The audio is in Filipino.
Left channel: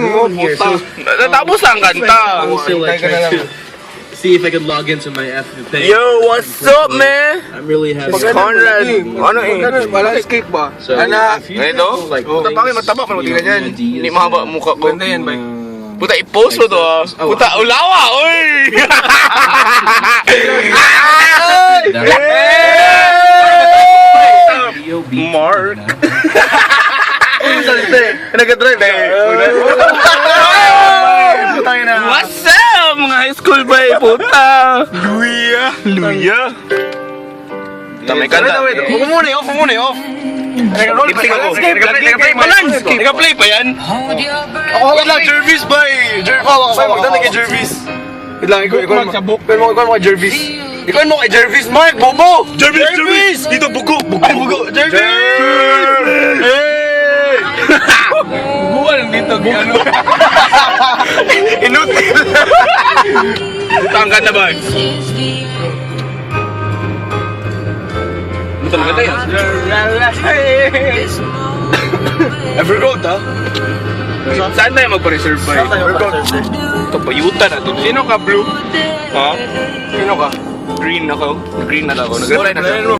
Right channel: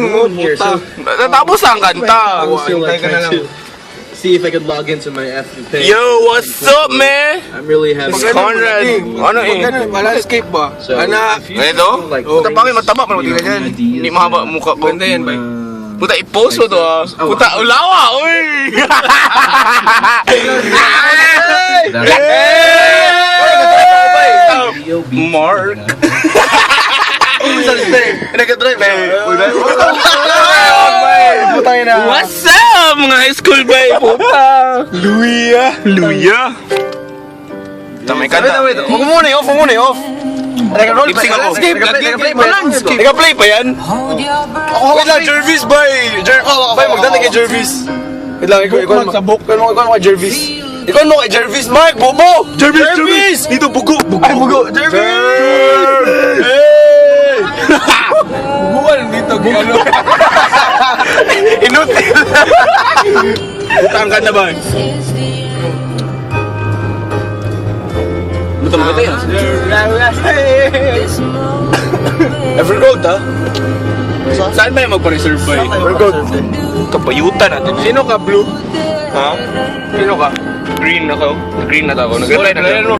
mo, puta. Natapos ang kanta. I'm still like trying to see if I could log into my F thing. Yo, what's up, man? I'm really happy. It's Conrad. Ano eh? Wala escape ba? So, Ana, if you Ito? feel like Puta pangit, mataba pa naman yan. Hindi mahaba ang mukha ko. ganda yan ba? Puta, i-post mo to ah. Puta, ulawa, uy! Mark. Nag-drive What's up, mga high school boy, puta? Luya. Tamay kanta. Off mo muna, off. Lip-sync ako. Nag-play pa lang. Nag-play pa yan. Wait lang, Jervis ba eh. Magdala kay Jervis. Wait lang, ikaw magsabok. Ikaw mo kay Jervis. Ikaw mo kay Jervis, Mark, bobo! Jervis! Dito, bugo! Ay, bugo! Jervis! Hey! Buguan dito, ano? Inutil! Puta, ang ganda ba? Puta, maganda yan. Evergold, ha? Saan tayo magpa-reserve ba eh? Evergold. Kapayutan natin eh. Sino ka, Blue? Ha? Sino ka? Green ako. Green na ako. Nag-reply na ako.